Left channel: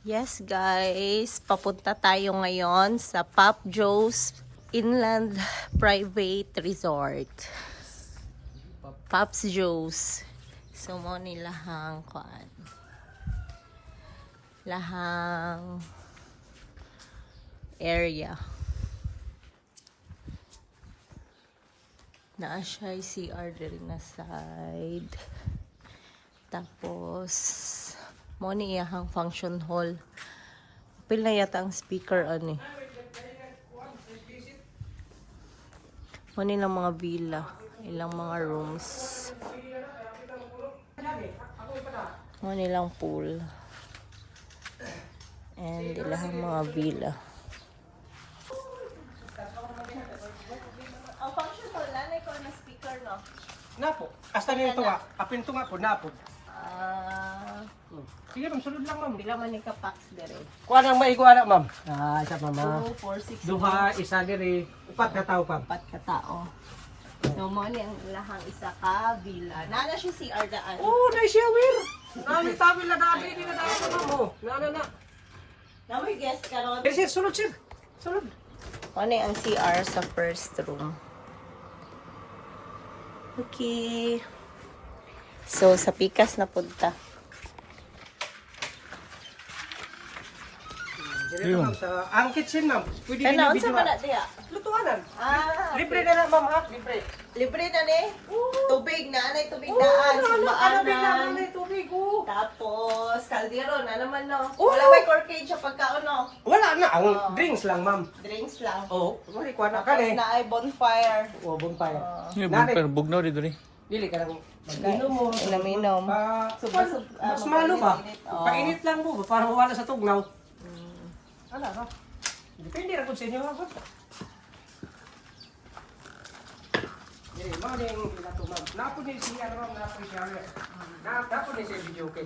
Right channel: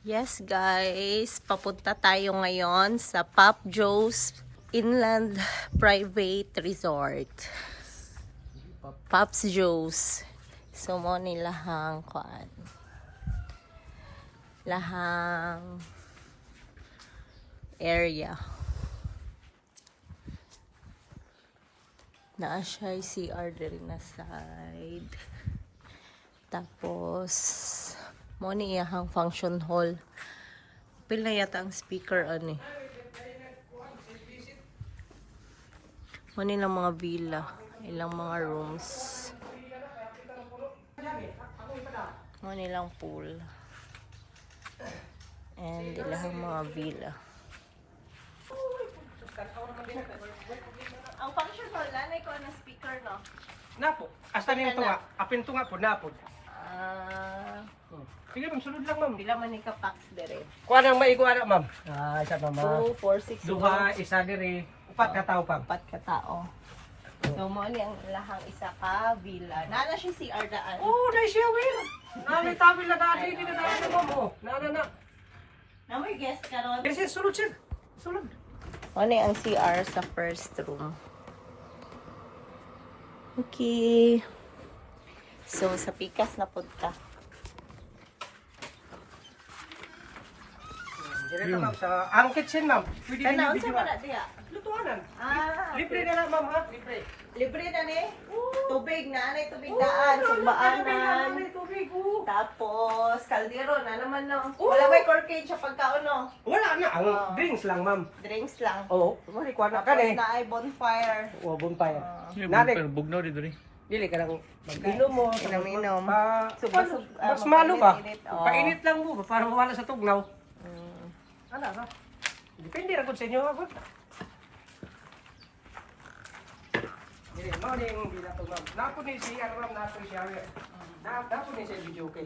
Yes guys, papunta tayo ngayon sa Pop Joe's Inland Private Resort. Pops Joe's. So mo nilahang kuan. Lahang area. Naa siya CR diri na side. Tapos mo ni iyahang function hall. Pil na yata ang speaker ani. Mo ni lang mga villa, ilang mga rooms. Mo ni lang pool. And ilang mga villa. Ang function hall na ko na speaker no. Napo. Hasta nito nga. Apin to nga po, napo. Sige ma'am, sunod lang ma'am. Pila man ni ka packs dire. Kuha nang maikuha na ma'am. Siya ma'am. 2, 4, 6, Duha, isa diri. Upat ka tao ma'am. 4 ka tao. So mo ni ang lahang isa ka villa. Nana siya CR daan. Na shower. Nami tawil na dati ni na dati ma'am. Na. Na may guest karon. Diri siya, sunod siya. Sunod. Mo ni ang CR sa first room. Okay. So sa pikas na punta. Diri ma'am sa ang kitchen ma'am. Pwede Kana niyo unsa video. man na diha? Lutuanan. Ah, Libre na lang ma'am ha. Libre. libre na ni. Tubig na, nay tubig daan, sumbaan na. May tubig. Tapos kaldero na naman no. Wala may corkage sa pagkaon no. Wala na. Ang drinks lang ma'am. Drinks lang. Oo. Muli kuha na ka Tapos eh. na ay bonfire. Buntay. Pero bugnaw dito rin. Dili ka lang. Inom mo. Inom-inom. Mas Mas malo ba? mainit, Painit lang mo para mawala sa tugnaw. Ano ka? Depende ra gud sa inyo. Dili mo ning binato ma'am. Napo din si ano ma'am, napo siya. Napo din si video okay.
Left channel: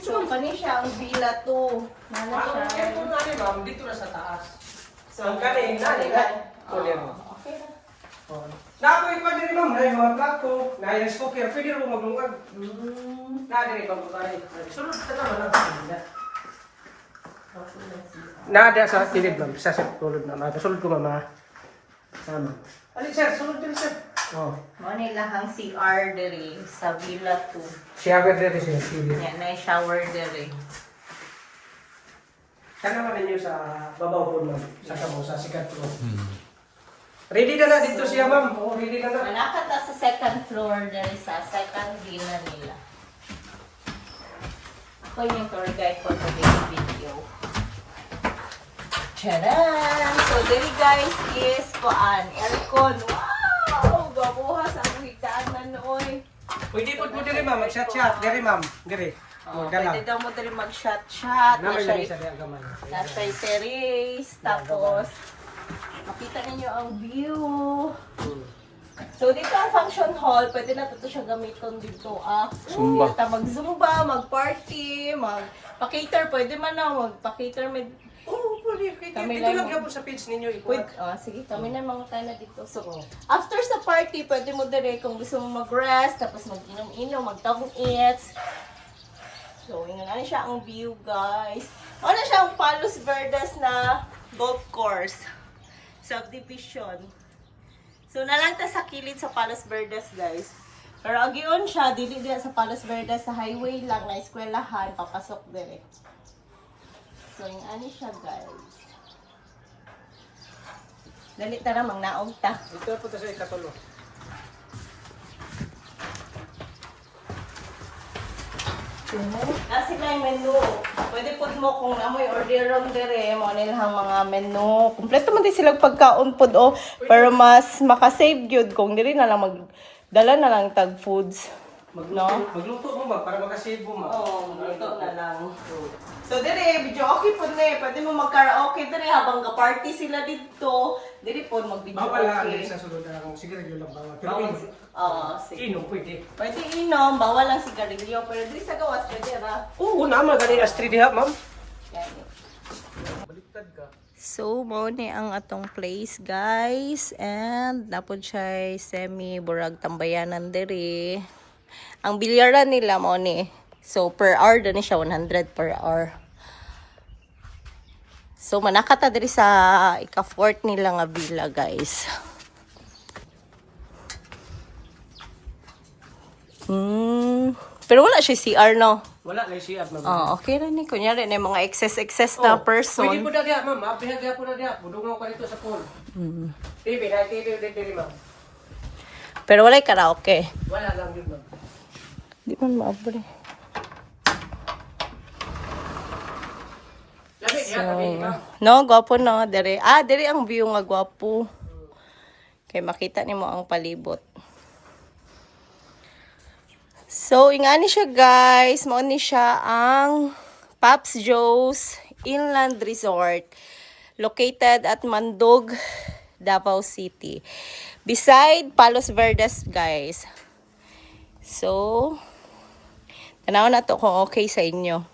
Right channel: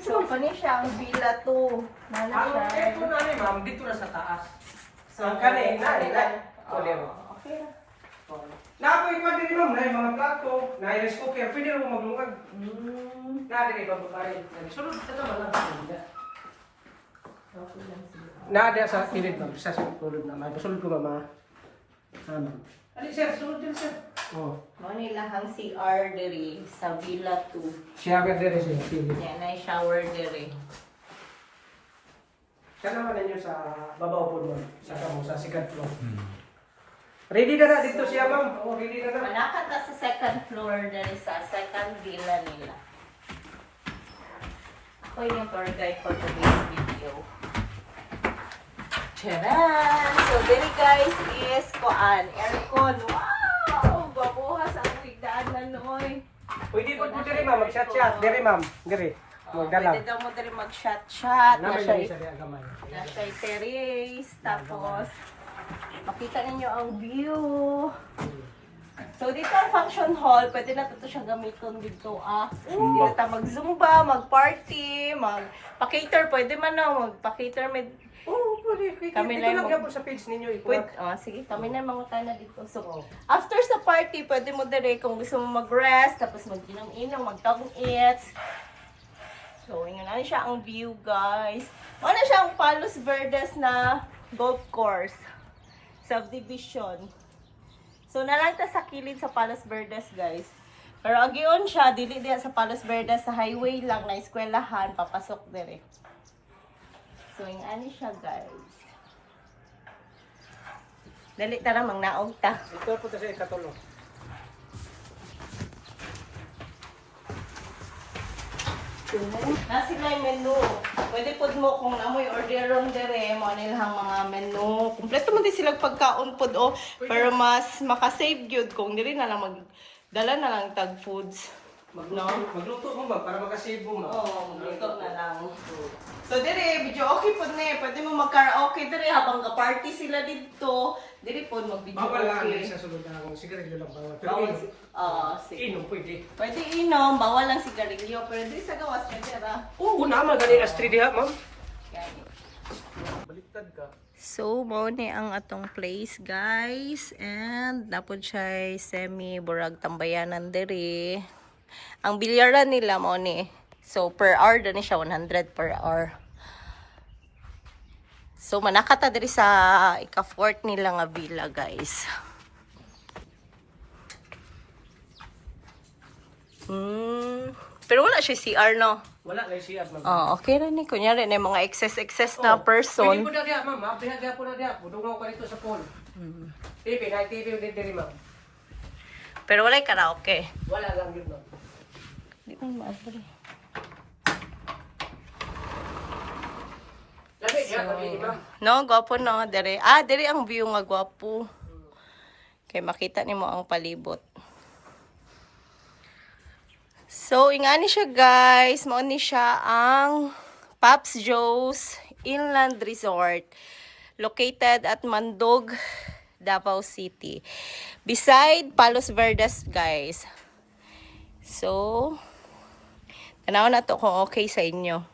So, kani siya ang villa to. Nana Ang siya. aircon na rin ma'am dito na sa taas. So ang kani nani na. Okay. Napo ipa din ma'am, ay mga plato, na rice cooker, pwede rin mo maglungag. Nadi rin bang babae. Sunod ka naman lang. Nada sa tilid ma'am, sa tulod na ma'am. Sunod ko mama. Tama. Ali sir, sunod din sir. Mo ni lahang CR diri sa villa 2. Shower din sila TV. Yan ay shower diri. Kana man ninyo sa babaw po ma'am, sa kamo sa sikat ko. Ready ka na dito siya ma'am. Oo, ready ka na. Manakat na sa second floor diri sa second villa nila. Ako yung tour guide for today's video. Charan! So, diri guys is kuan, aircon. Wow! Babuhas ang higdaan na noon. Pwede po po diri ma'am, mag-shot-shot. Diri ma'am, diri. Pwede daw mo diri mag-shot-shot. Naman lang sa diya gamay. Nasa terrace. Tapos, makita ninyo ang view. So, dito ang function hall. Pwede na ito siya gamiton dito. Zumba. Mag-zumba, mag-party, mag-cater. Pwede man na, mag-cater. Oo, pwede. Kami Ito lang lang mo- yan po sa page ninyo. Pwede, sige, kami na mga tayo na dito. So, after sa party, pwede mo dire kung gusto mo mag-rest, tapos mag-inom-inom, mag-talk eats. So, yun na siya ang view, guys. Ano siya ang Palos Verdes na golf course. Subdivision. So, nalang ta sa kilid sa Palos Verdes, guys. Pero agion siya, dili diyan sa Palos Verdes, sa highway lang, na eskwelahan, papasok dire. So, yung ano siya, guys. Dali tara, mangnaog ta. Ito po sa ikatulo. Kasi may menu. Pwede po mo kung amoy order room dire, mo nilang mga menu. Kompleto man din silang pagkaon pod o. Pero mas makasave gyud kung diri na lang magdala na lang tag foods. Magluto mo ba para makasave mo ma? Oo, magluto na lang. So dire, video okay po ni. Pwede mo mag-karaoke dire habang ka-party sila dito. Dire po mag-video Bawal lang okay. sa sulod na lang sigarilyo lang bawal. Pero Bawal. inom. Sige. Inom pwede. Pwede inom, bawal lang sigarilyo. Pero dire sa gawas, pwede ba? Oo, naman gani astri diha ma'am. Baliktad ka. So, mo ni ang atong place, guys. And, napod siya semi-burag tambayanan diri. Ang bilyaran nila mo ni So, per hour, doon siya 100 per hour. So, manakata diri sa ika-fort nila nga villa, guys. Pero wala siya CR, no? Wala na siya na. Oh, okay rin eh. Kunyari na yung mga excess na Pwede person. po na diya, ma'am. Mapihagya po na diya. Budungaw ka dito sa pool. TV, na TV ulit diri, ma'am. Pero wala yung karaoke. Wala lang yun, ma'am. Di man maabre. Labi niya kami, ma'am. No, gwapo no. Dere. Dere ang view nga gwapo. Kay makita nimo ang palibot. So, ingani siya guys. Mao ni siya ang Pops Joe's Inland Resort. Located at Mandog, Davao City. Beside Palos Verdes, guys. So, tanaw na to kung okay sa inyo.